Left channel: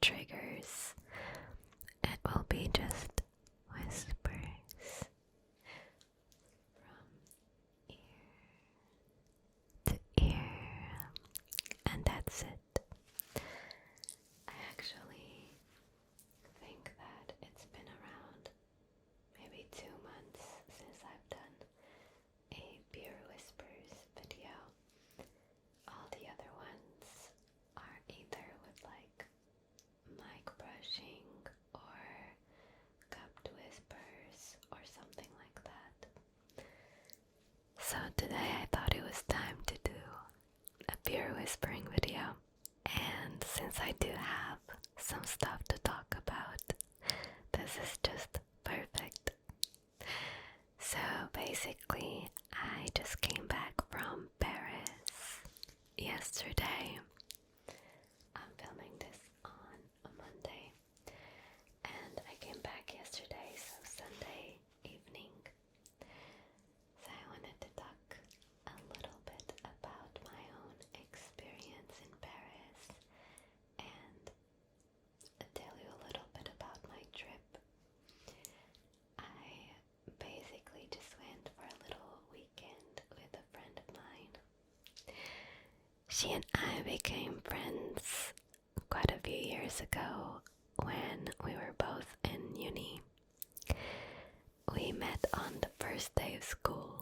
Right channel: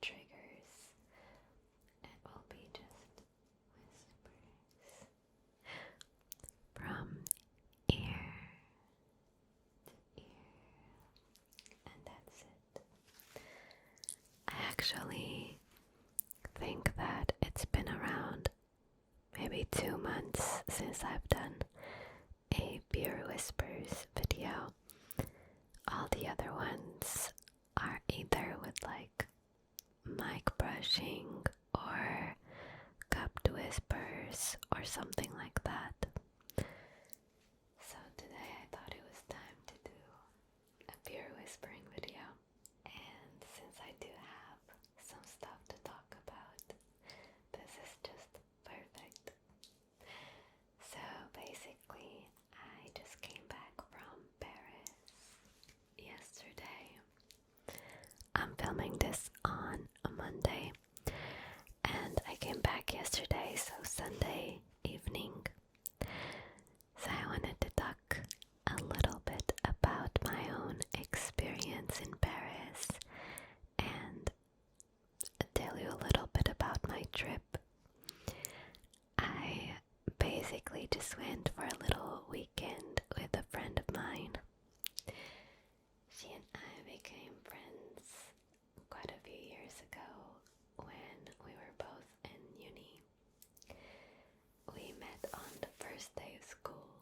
triggers. It will be just whispers from ear to ear, and that's it. I actually think that it's been around maybe 2 months since I've done a Beer Whispers video. All the other ones are either with like mic brushing or cupped whispers or something like that. So today I thought it was time to do a beer whispering video. And since I do have some stuff to talk about, this is just perfect. So basically, I just came back from Paris yesterday. I'm filming this on a Monday, and I came back yesterday, so Sunday evening. So I wanted to talk a little bit about my own experience in Paris and tell you a little bit about my trip. I basically just went for a little weekend with a friend of mine. She and I became friends quite a few years ago when we were both in uni. We met on the first day of school,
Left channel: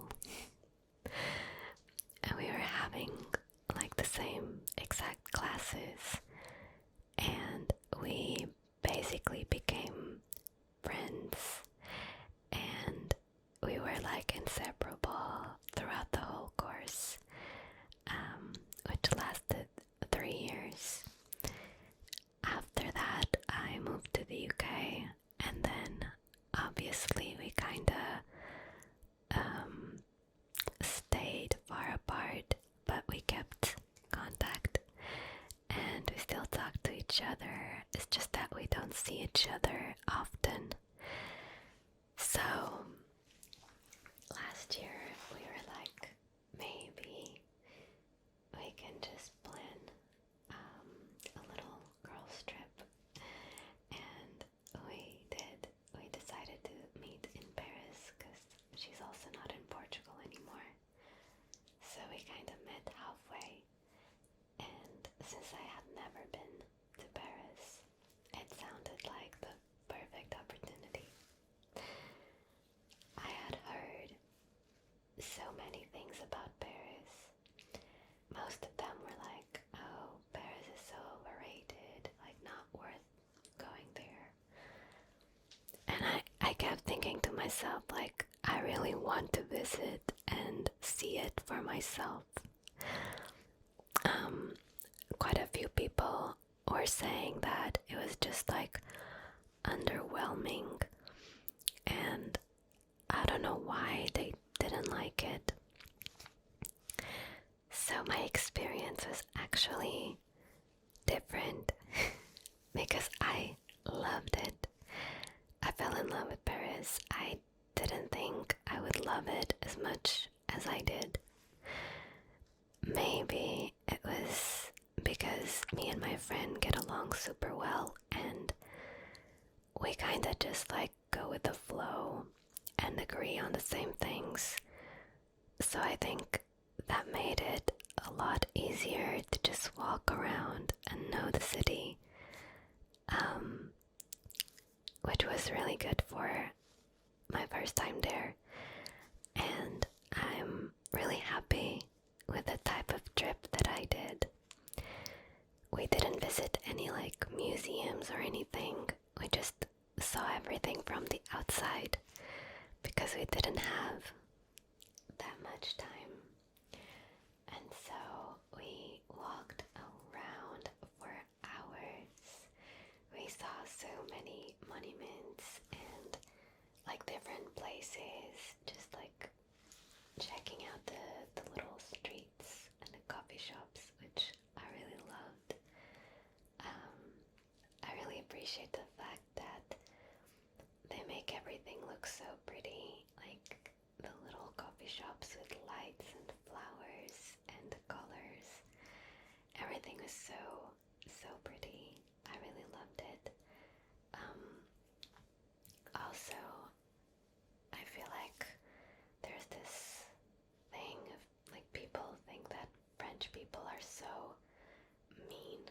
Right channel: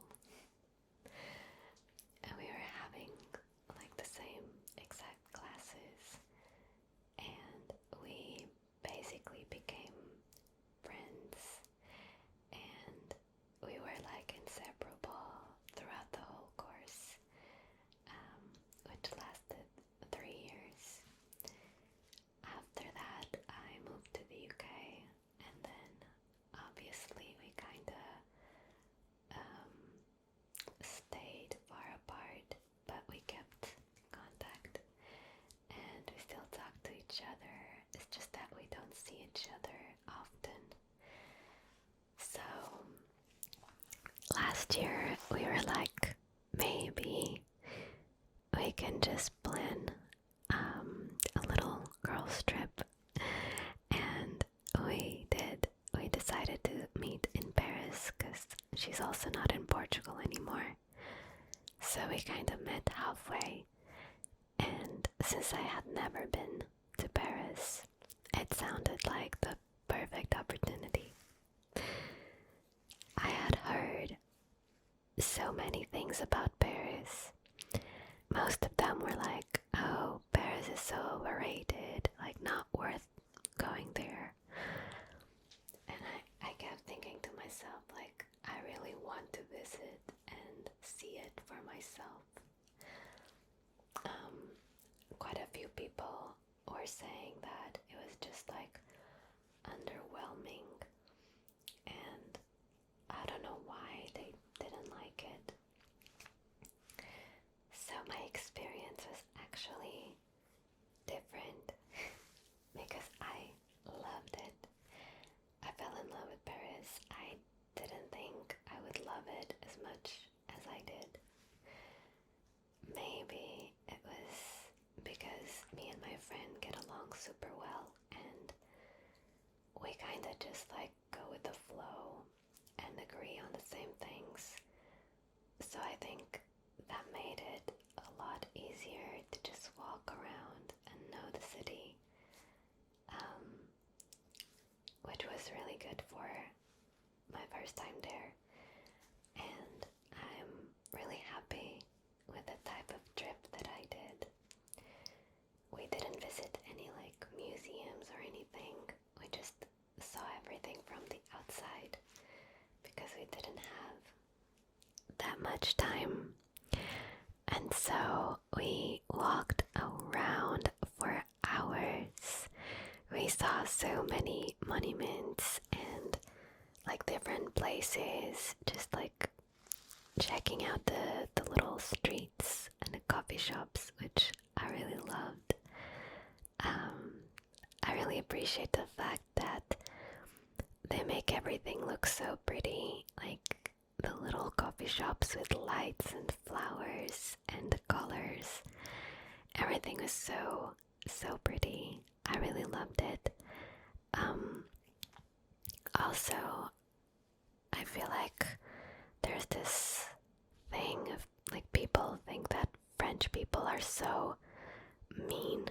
and we were having like the same exact classes, and we basically became friends, and we were like inseparable throughout the whole course, which lasted 3 years. After that, I moved to the UK, and then obviously we kinda stayed far apart, but we kept contact, and we still talk to each other. It's just that we don't see each other often. So last year we were like, maybe we can just plan a little girls trip, and we did. We decided to meet in Paris because she's also not in Portugal anymore. So we kind of met halfway, and since I had never been to Paris, it sounded like the perfect opportunity. I had heard so many things about Paris. Most of them were like, oh, Paris is so overrated, like not worth going there. And I kept thinking to myself, like, I really want to visit and see it for myself. Quite a few people were saying that it was just like underwhelming, and I don't know why they didn't like it. So my experience was actually different because I loved it. I fell in love with Paris. I didn't think I would love it as much as I did. Maybe it was because me and my friend get along super well, and we kinda just like go with the flow and agree on the same things. So I think that made it a lot easier to just walk around and know the city, which was really good for my first time there. And I'm really happy with the type of trip that I did. We didn't visit any like museums or anything. We just saw everything from the outside because we didn't have that much time. And so we walked around for hours. We saw so many monuments and like different places, just like checking out the little streets and the coffee shops, which I really loved. I really appreciate the fact that they make everything look so pretty, like the little coffee shops with lights and flowers and the colors. Everything was so pretty. I really loved it. Also, I feel like there's this thing of like people think that French people are so mean.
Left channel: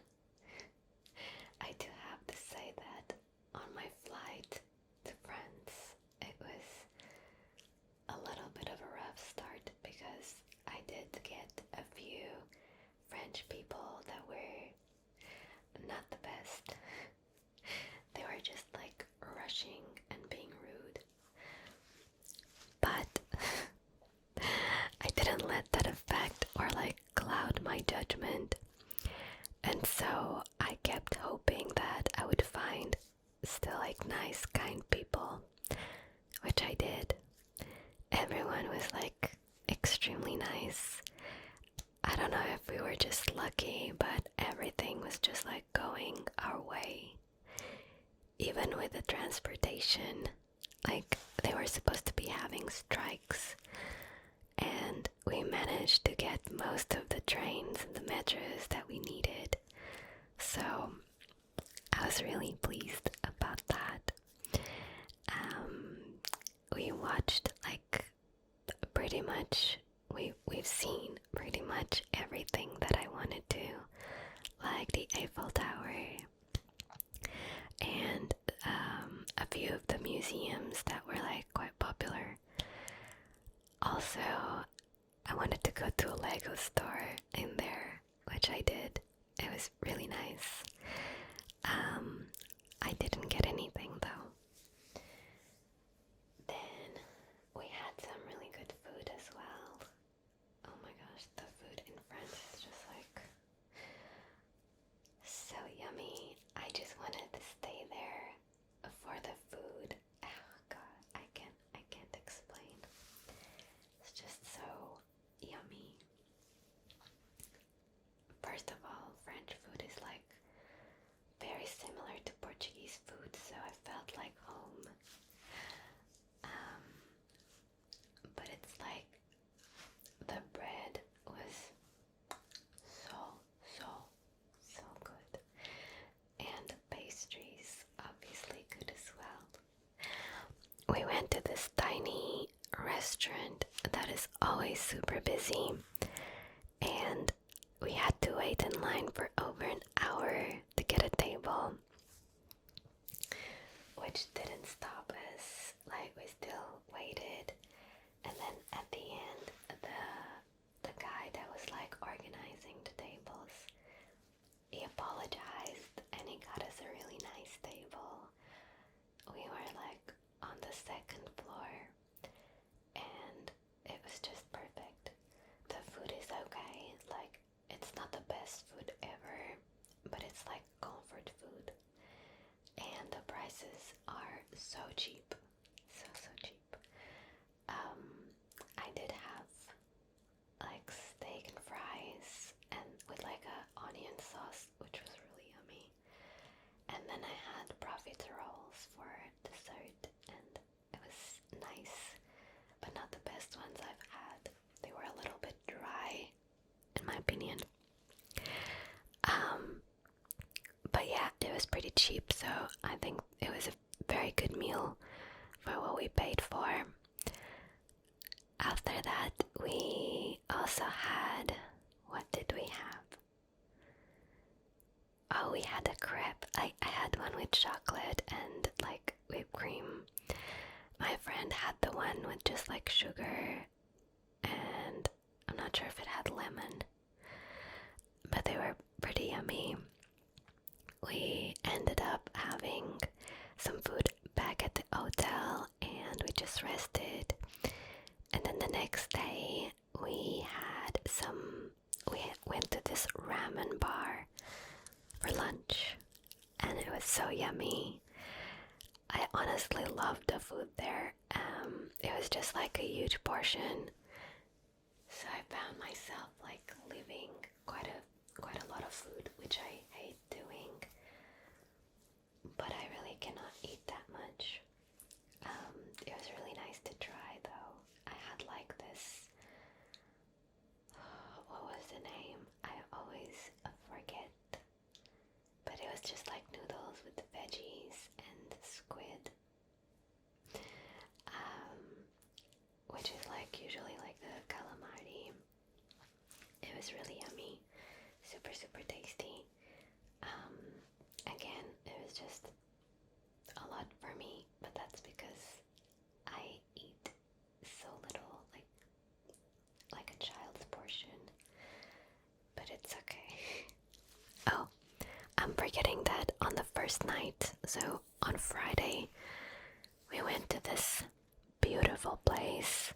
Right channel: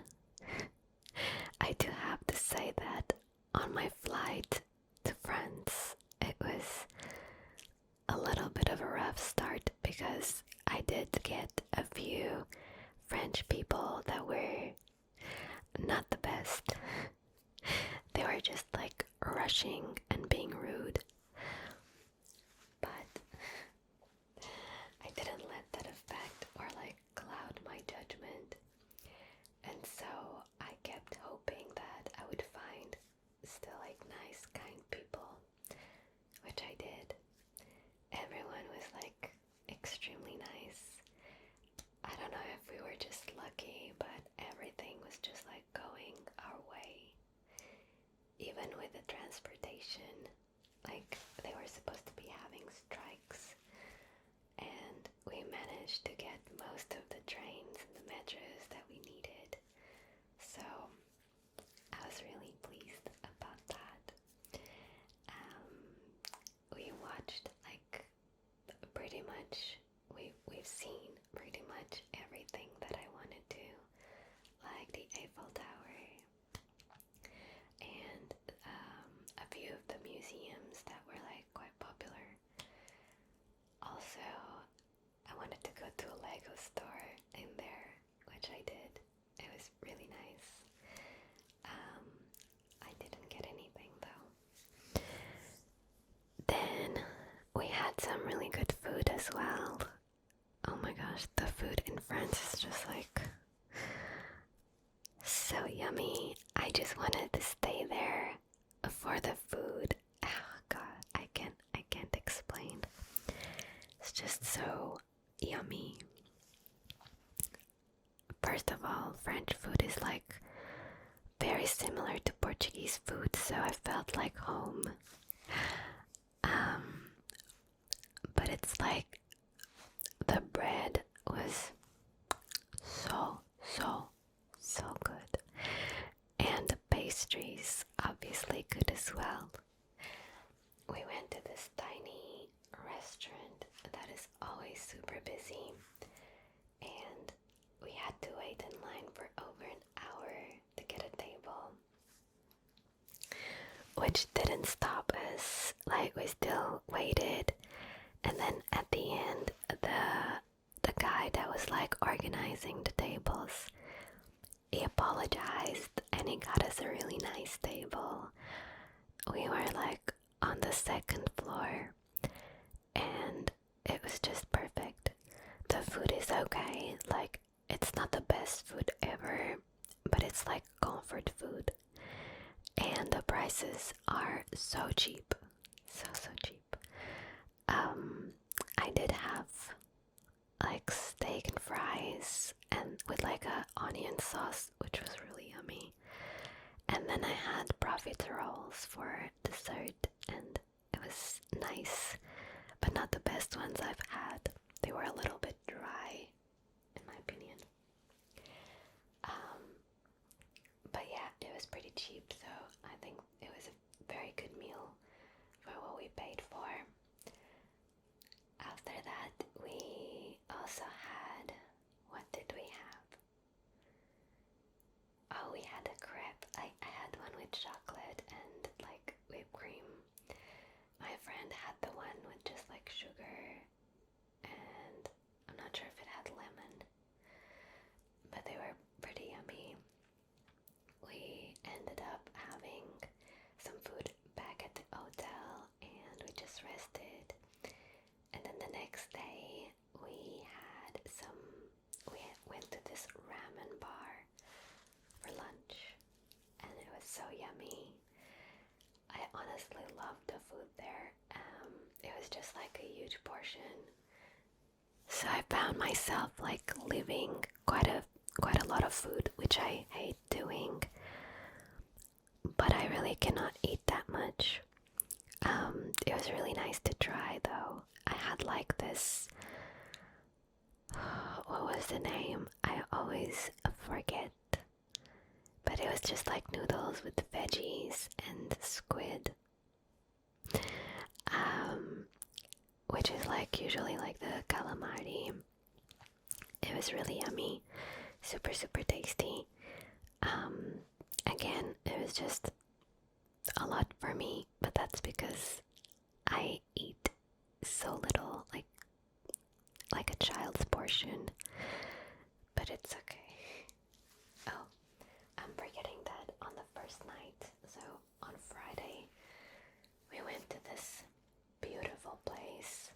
I do have to say that on my flight to France, it was a little bit of a rough start because I did get a few French people that were not the best. They were just like rushing and being rude. But I didn't let that affect or like cloud my judgment. And so I kept hoping that I would find still like nice, kind people, which I did. Everyone was like extremely nice. I don't know if we were just lucky, but everything was just like going our way. Even with the transportation, like they were supposed to be having strikes, and we managed to get most of the trains and the metros that we needed. So I was really pleased about that. We watched like pretty much, we've seen pretty much everything that I wanted to, like the Eiffel Tower and a few of the museums that were like quite popular. Also, I wanted to go to a Lego store in there, which I did. It was really nice. I didn't get anything though. Then we had some really good food as well. Oh my gosh, the food in France is just like so yummy. I just wanted to stay there for the food. Oh god, I can't explain. It's just so yummy. First of all, French food is like very similar to Portuguese food, so I felt like home. But it's like the bread was so good, and the pastries obviously good as well. We went to this tiny restaurant that is always super busy, and we had to wait in line for over an hour to get a table, which didn't stop us. Like, we still waited, and then at the end, the guy that was like organizing the tables, he apologized and he got us a really nice table. We were like on the second floor, and it was just perfect. The food is okay, like it's not the best food ever, but it's like comfort food, and the prices are so cheap, so cheap. I did have like steak and fries and with like a onion sauce, which was really yummy, and then I had profiteroles for dessert, and it was nice, but not the best ones I've had. They were a little bit dry, in my opinion. But yeah, it was pretty cheap, so I think it was a very good meal for what we paid for. After that, we also had, what did we have? Oh, we had a crepe. I had one with chocolate and like whipped cream. My friend had the one with just like sugar, and I'm not sure if it had lemon, but they were pretty yummy. We ended up having some food back at the hotel, and we just rested. And then the next day we went to this ramen bar for lunch, and it was so yummy. I honestly loved the food there. It was just like a huge portion, so I found myself like leaving quite a lot of food, which I hate doing, but I really cannot eat that much. It was really nice to try though. I had like this, what was the name? I always forget, but it was just like noodles with veggies and squid, which is like usually like the calamari. It was really yummy, super tasty. Again, it was just a lot for me, but that's because I eat so little, like a child's portion, but it's okay. Oh, I'm forgetting that on the first night, so on Friday, we went to this beautiful place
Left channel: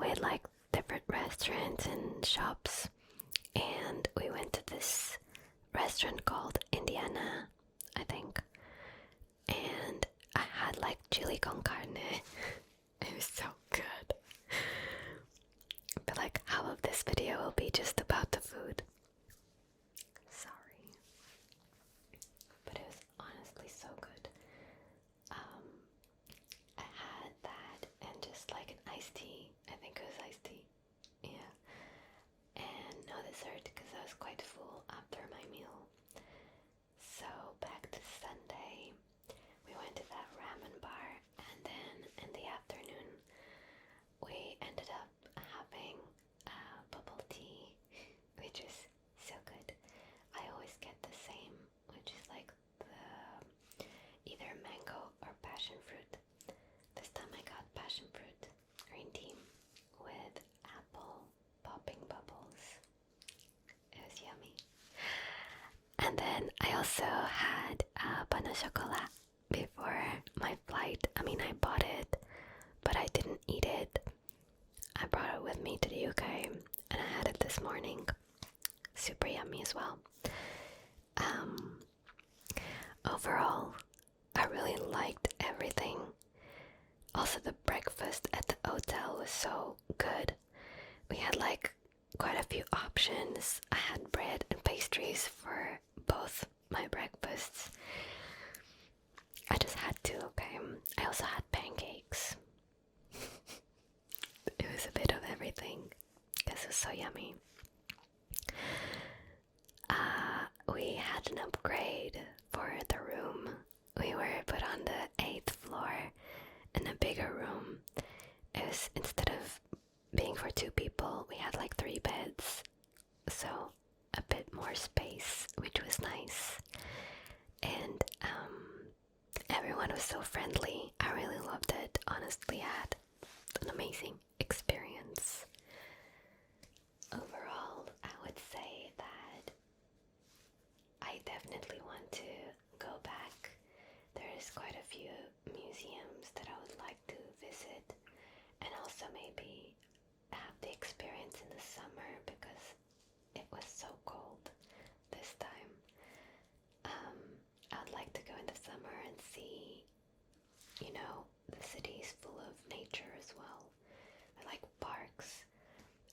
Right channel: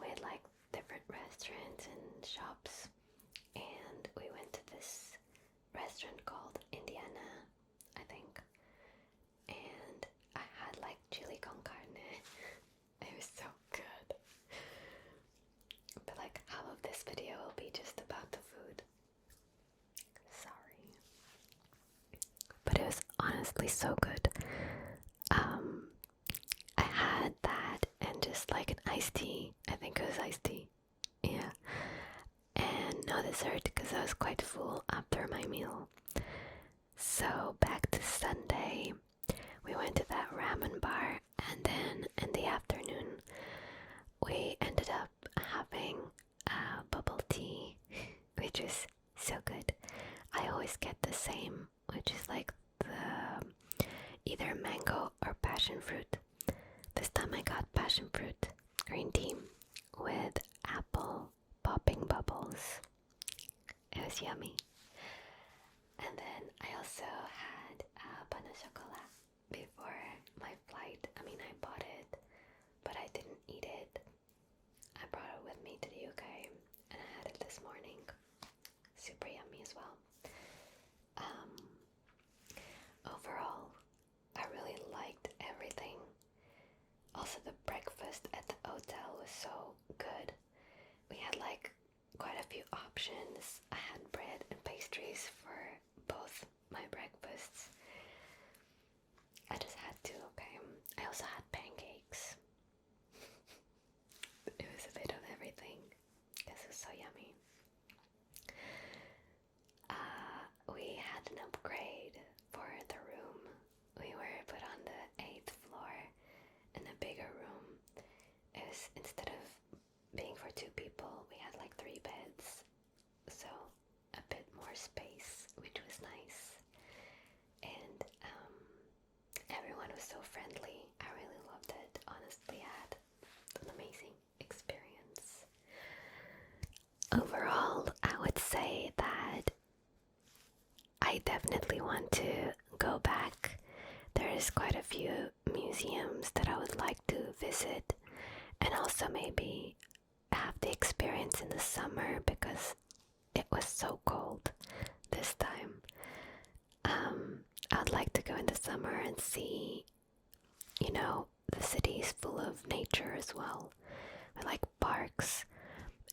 with like different restaurants and shops, and we went to this restaurant called Indiana, I think, and I had like chili con carne. It was so good. But like half of this video will be just about the food. Sorry. But it was honestly so good. I had that and just like an iced tea. I think it was iced tea. Yeah. And no dessert because I was quite full after my meal. So back to Sunday, we went to that ramen bar, and then in the afternoon we ended up having bubble tea, which is so good. I always get the same, which is like the either mango or passion fruit. This time I got passion fruit green tea with apple popping bubbles. It was yummy. And then I also had pain au chocolat before my flight. I mean, I bought it, but I didn't eat it. I brought it with me to the UK, and I had it this morning. Super yummy as well. Overall, I really liked everything. Also, the breakfast at the hotel was so good. We had like quite a few options. I had bread and pastries for both my breakfasts. I just had to, okay? I also had pancakes. It was a bit of everything because it was so yummy. We had an upgrade for the room. We were put on the 8th floor in a bigger room. It was, instead of being for 2 people, we had like 3 beds, so a bit more space, which was nice. And everyone was so friendly. I really loved it. Honestly, I had an amazing experience. Overall, I would say that I definitely want to go back. There is quite a few museums that I would like to visit, and also maybe have the experience in the summer because it was so cold this time. I'd like to go in the summer and see, you know, the city is full of nature as well, like parks,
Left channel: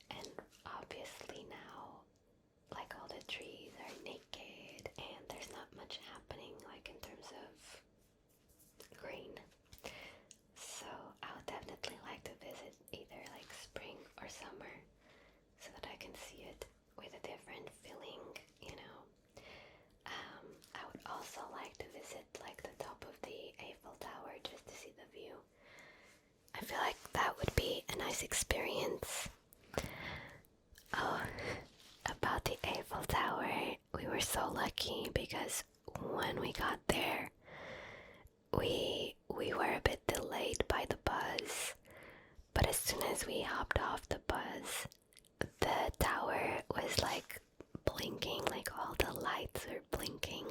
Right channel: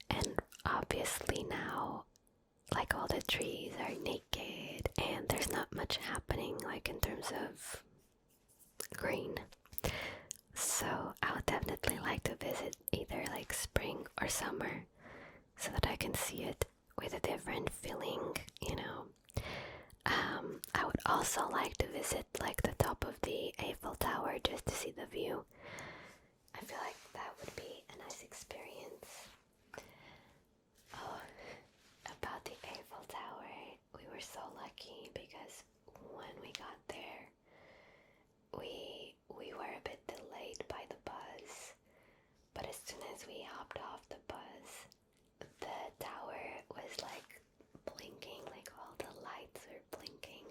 and obviously now like all the trees are naked and there's not much happening like in terms of green. So I would definitely like to visit either like spring or summer so that I can see it with a different feeling, you know. I would also like to visit like the top of the Eiffel Tower just to see the view. I feel like that would be a nice experience. Oh, about the Eiffel Tower, we were so lucky because when we got there, we were a bit delayed by the buzz, but as soon as we hopped off the buzz, the tower was like blinking, like all the lights were blinking.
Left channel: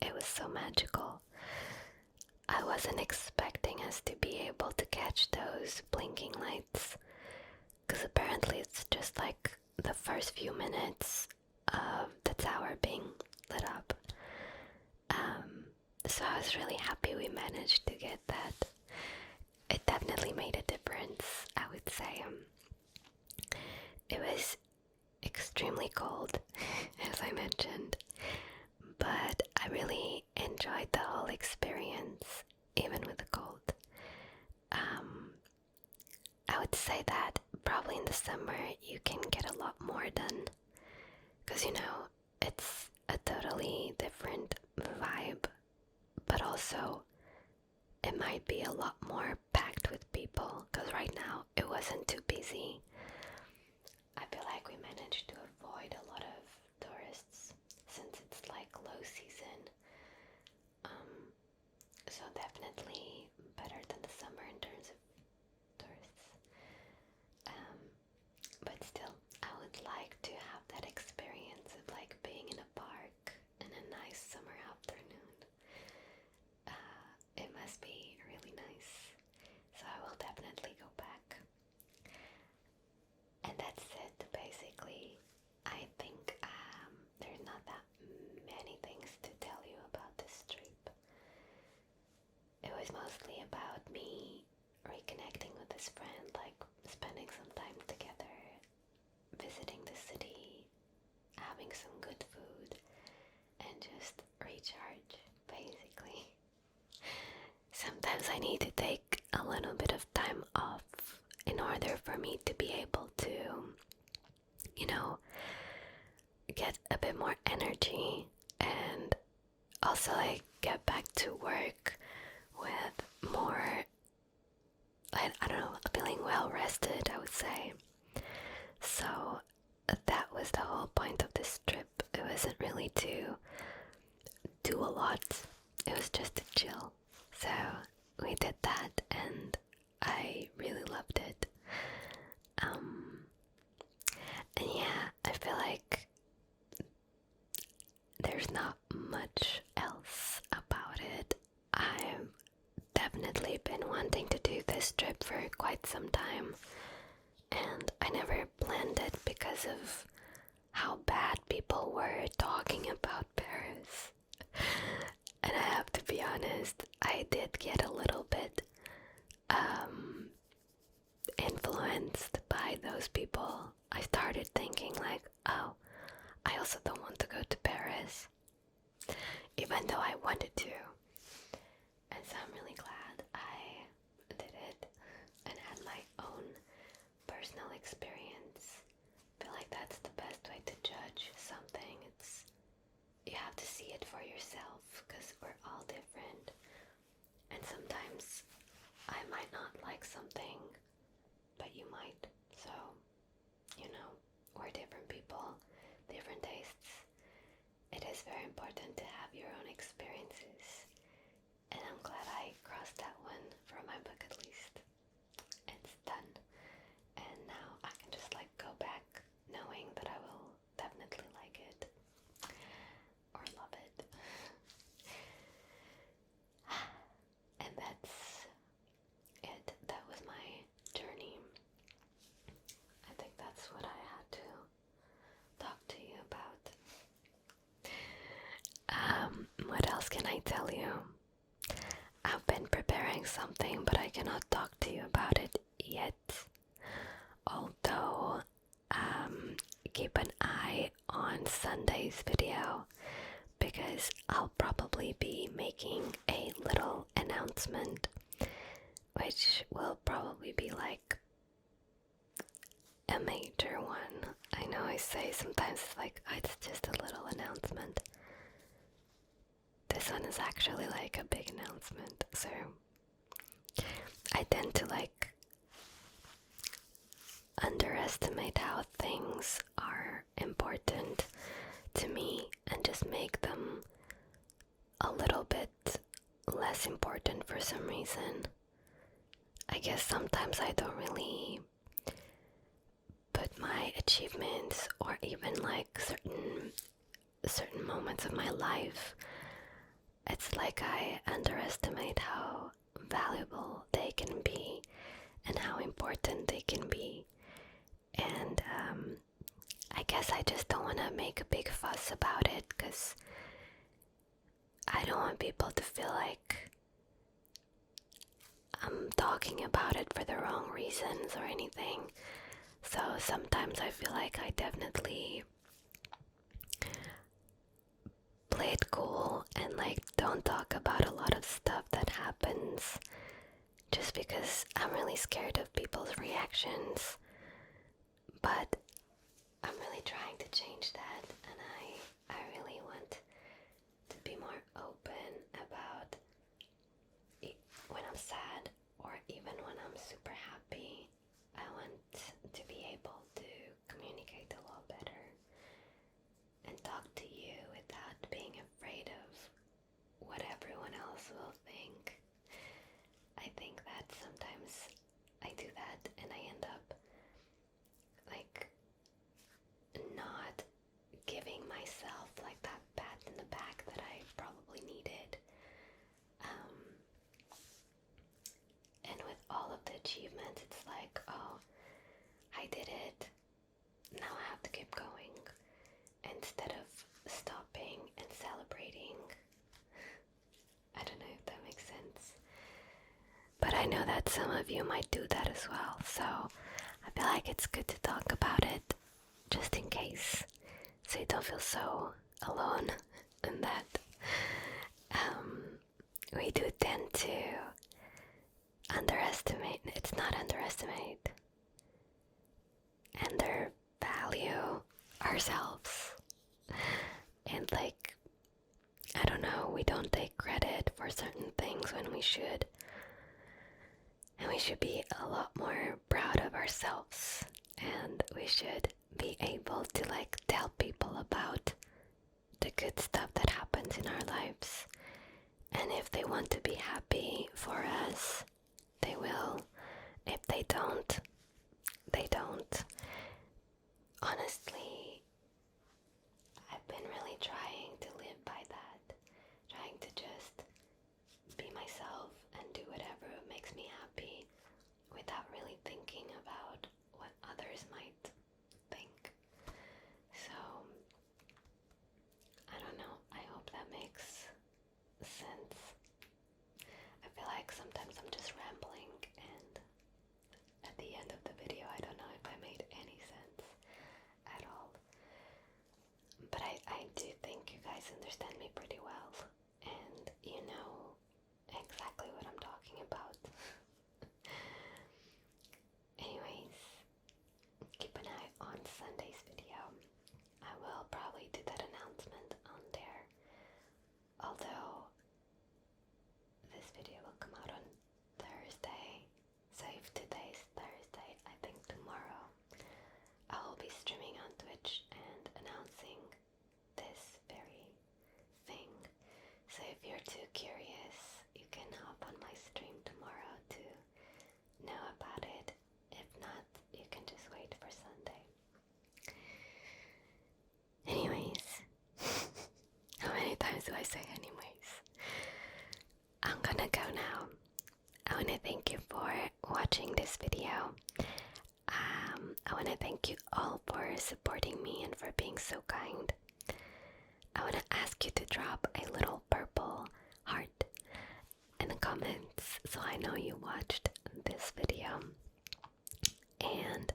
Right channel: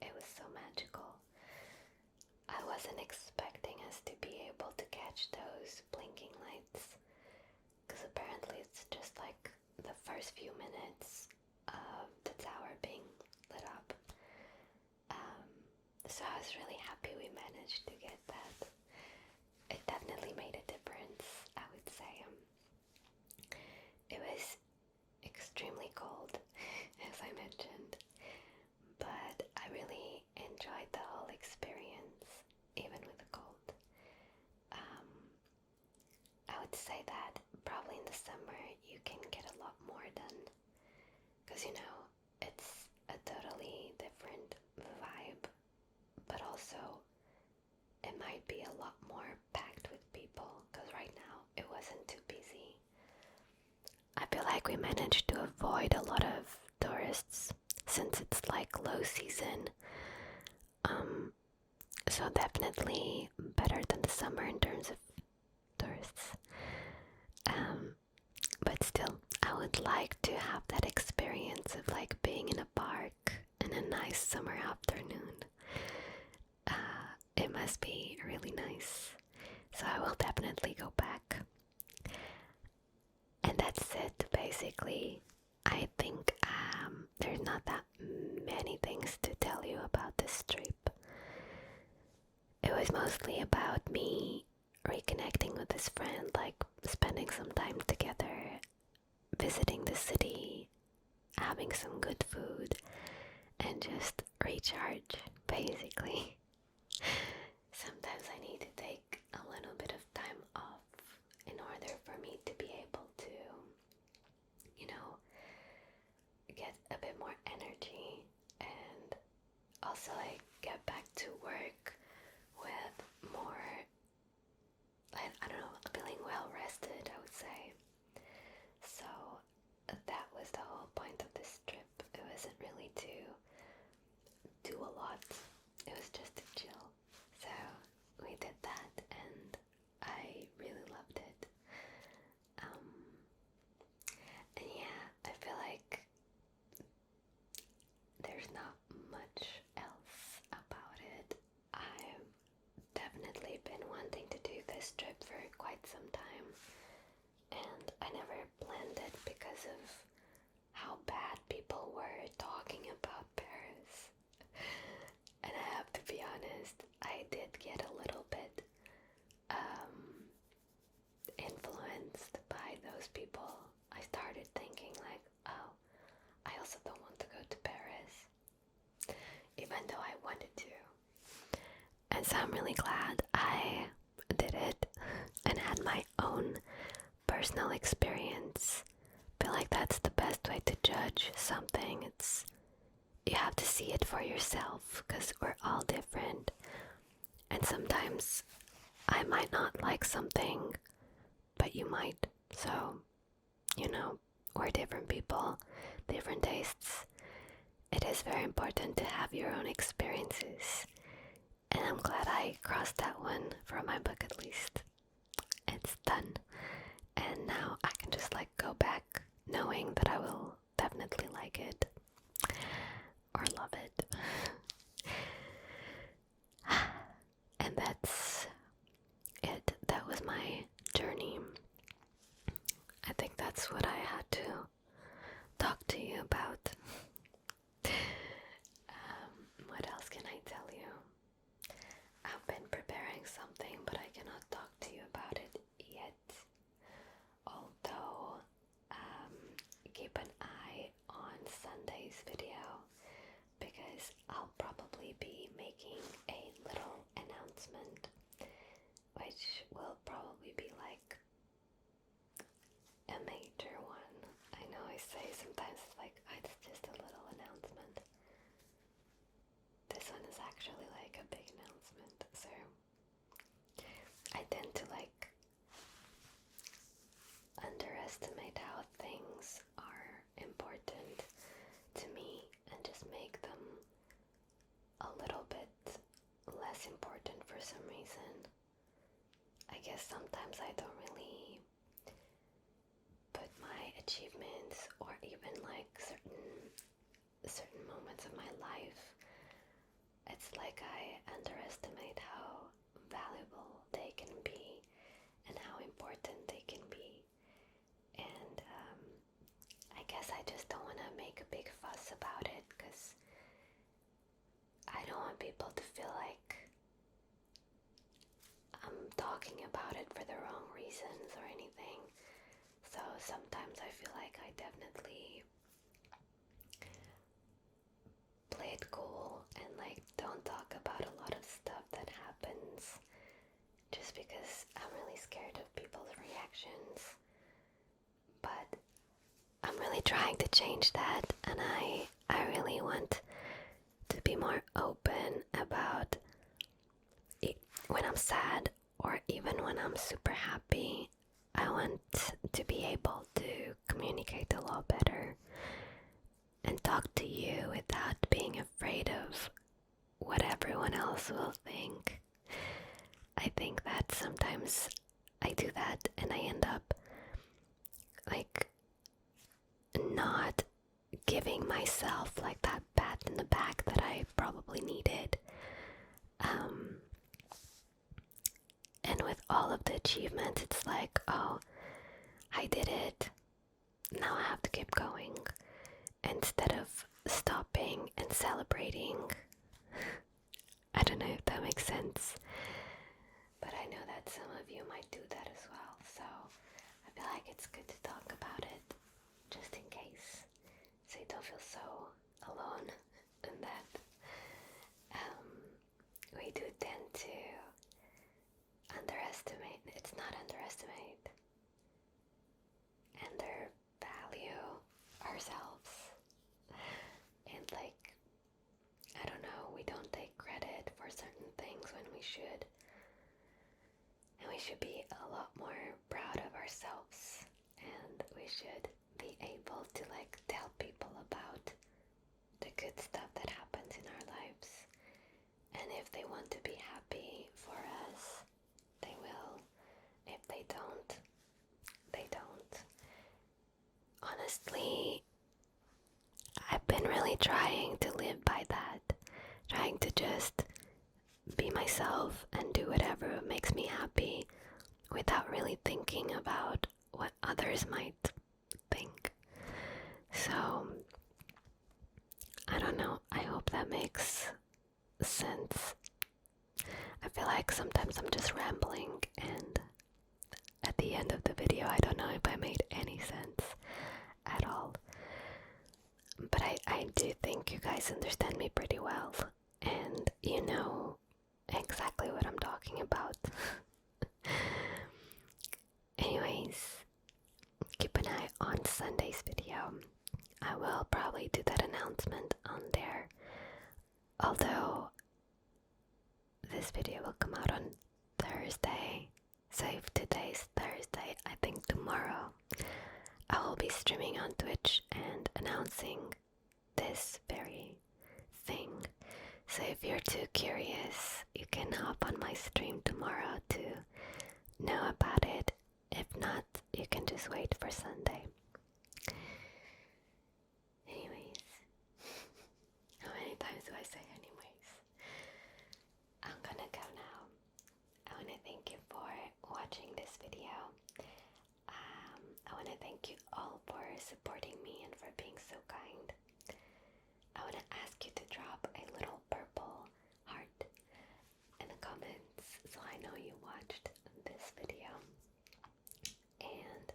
It was so magical. I wasn't expecting us to be able to catch those blinking lights, because apparently it's just like the first few minutes of the tower being lit up. So I was really happy we managed to get that. It definitely made a difference, I would say. It was extremely cold, as I mentioned, but I really enjoyed the whole experience, even with the cold. I would say that probably in the summer you can get a lot more done, because you know, it's a totally different so it might be a lot more packed with people, because right now it wasn't too busy. I feel like we managed to avoid a lot of tourists since it's like low season. So definitely better than the summer in terms of tourists. But still, I would like to have that experience of like being in a park in a nice summer afternoon. It must be really nice. So I will definitely go back. And that's it, basically. I think there's not that many things to tell you about this trip. It was mostly about me reconnecting with this friend, like spending some time together, visiting the city, having some good food, and just recharge, basically. Sometimes I need to take a little bit of time off in order for me to be able to, get a bit more energy and also like get back to work with more, I don't know, feeling well rested, I would say. So that was the whole point of this trip. It wasn't really to do a lot, it was just to chill. So we did that and I really loved it. And yeah, I feel like there's not much else about it. I've definitely been wanting to do this trip for quite some time, and I never planned it because of how bad people were talking about Paris. And I have to be honest, I did get a little bit influenced by those people. I started thinking like, oh, I also don't want to go to Paris, even though I wanted to. And so I'm really glad I did it and had my own personal experience. I feel like that's the best way to judge something. You have to see it for yourself, because we're all different. And sometimes I might not like something, but you might. So, we're different people, different tastes. It is very important to have your own experiences. And I'm glad I crossed that one from my bucket list. It's done. And now I can just go back knowing that I will definitely like it. Or love it. And that's it. That was my journey. I think that's what I had to talk to you about. What else can I tell you? I've been preparing something, but I cannot talk to you about it yet. Although, keep an eye on Sunday's video, because I'll probably be making a little announcement, which will probably be a major one. I know I say sometimes it's just a little announcement. This one is actually a big announcement, so I tend to underestimate how things are important to me and just make them a little bit less important for some reason. I guess sometimes I don't really put my achievements or even certain moments of my life. It's like I underestimate how valuable they can be and how important they can be. And I guess I just don't want to make a big fuss about it, because I don't want people to feel like I'm talking about it for the wrong reasons or anything. So sometimes I feel like I definitely play it cool and don't talk about a lot of stuff that happens, just because I'm really scared of people's reactions. But I'm really trying to change that, and I really want to be more open about sad or even when I'm super happy, I want to be able to communicate a lot better and talk to you without being afraid of what everyone else will think. I think that sometimes I do that and I end up like not giving myself like that pat in the back that I probably needed. And with all of the achievements, it's like, oh, I did it, now I have to keep going, instead of stopping and celebrating. I don't know if that makes sense, but I know that some of you might do that as well, so I feel like it's good to talk about it, just in case, so you don't feel so alone in that. We do tend to underestimate, it's not underestimate, undervalue ourselves, and like, I don't know, we don't take credit for certain things when we should, and we should be a lot more proud of ourselves, and we should be able to like tell people about the good stuff that happens in our lives, and if they want to be happy for us, they will. If they don't, they don't. Honestly, I've been really trying to live by that, trying to just be myself and do whatever makes me happy without really thinking about what others might think. So, I don't know, I hope that makes sense. I feel like sometimes I'm just rambling, and at the end of the video I don't know if I made any sense at all, but I do think you guys understand me pretty well, and you know exactly what I'm talking about. Anyways, keep an eye on Sunday's video. I will probably do that announcement on there, although this video will come out on Thursday, so if today's Thursday, I think tomorrow I will be streaming on Twitch and announcing this very thing. So if you're too curious, you can hop on my stream tomorrow to know about it. If not, you can just wait for Sunday. Anyways, how many times do I say anyways? I'm gonna go now. I want to thank you for watching this video. I want to thank you all for supporting me and for being so kind. I want to ask you to drop a little purple heart in the comments so I know you watched this video. And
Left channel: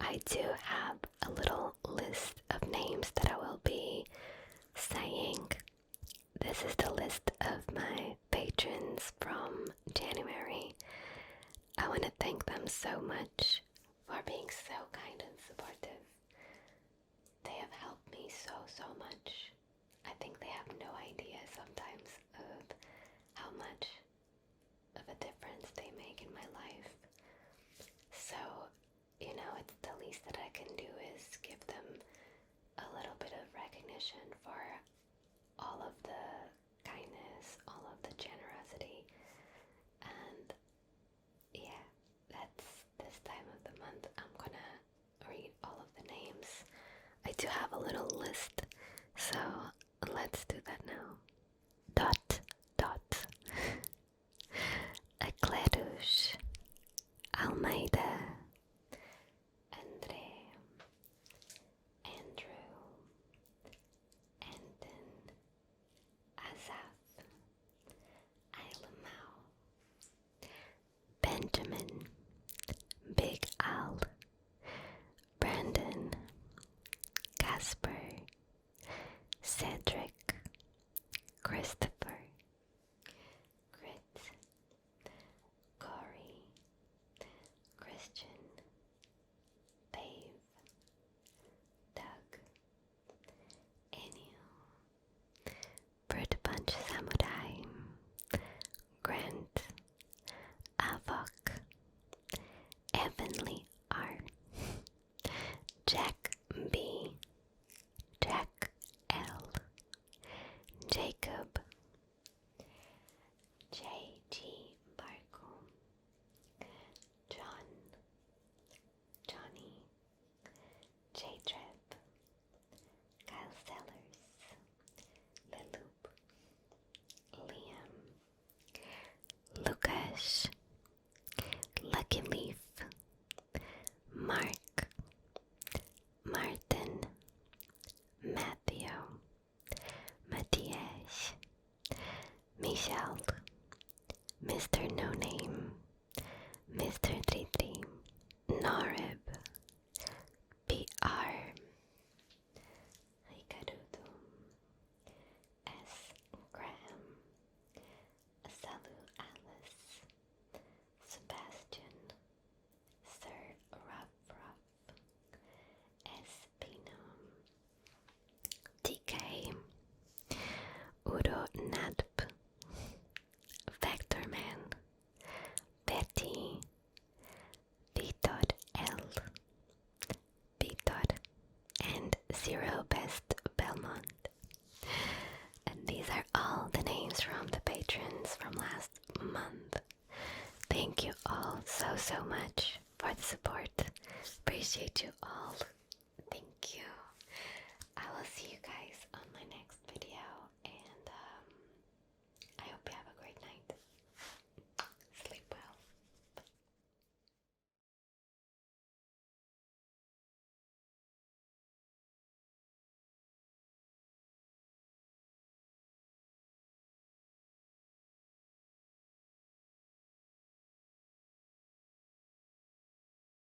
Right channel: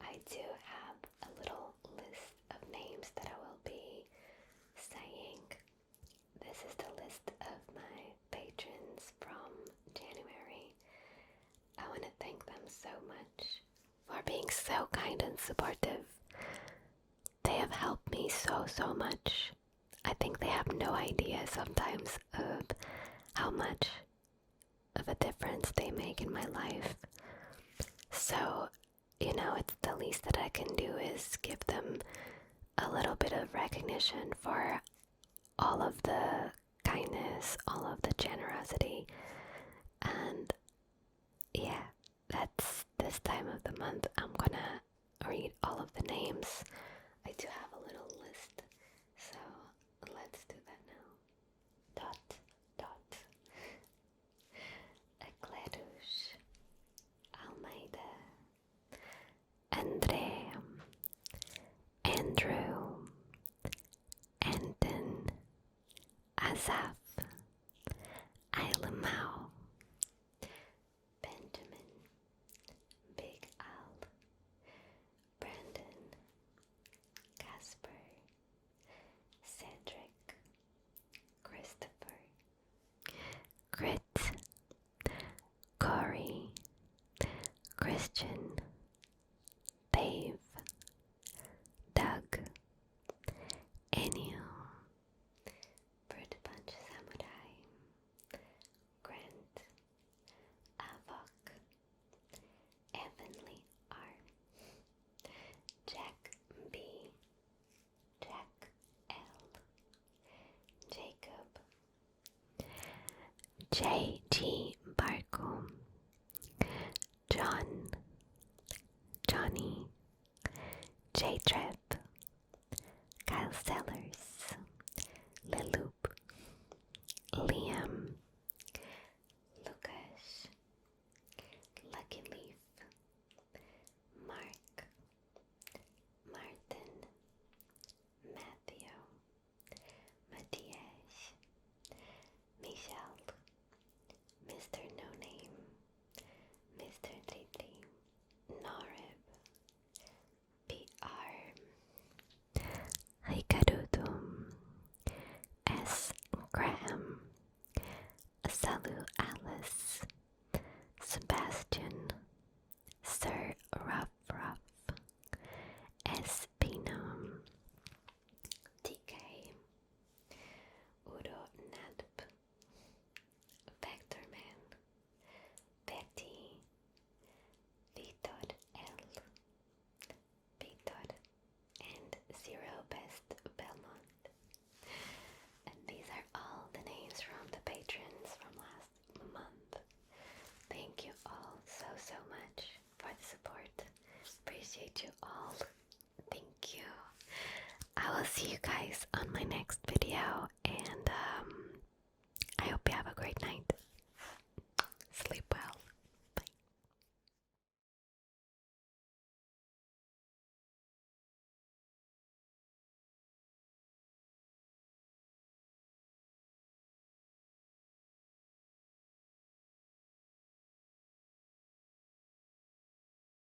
I do have a little list of names that I will be saying. This is the list of my patrons from January. I want to thank them so much for being so kind and supportive. They have helped me so much. I think they have no idea sometimes of how much of a difference they make in my life. So, you know, it's the least that I can do is give them a little bit of recognition for all of the kindness, all of the generosity, and yeah, that's this time of the month. I'm gonna read all of the names. I do have a little list, so let's do that now. Acleros, Almeida, Andrew, Anton, Asaf, Lmao, Benjamin, Big Al, Brandon, Casper, Cedric, Christopher, Chrit, Corey, Christian, Dave, Doug, Ênio, Fruit Punch Jacob, JGBarco, John, Johnny, J-Trip, Kylesellors, Leloup, Liam, Lucas, Lucky Leaf, Mark, Martin, Matthew, Matthias, Michelle, Mr.NoName, Mr.33, Norib, PR, Rikarudo, S. Graham, Salutalice, Sebastian, ZRObestBelmont, SPino, DK, Uronaadp, Vectorman, Veti, 𝚂𝚘𝚘𝚘𝚘, and ZRObestBelmont. And these are all the names from the patrons from last month. Thank you all so much for the support. Appreciate you all. Thank you. I will see you guys on my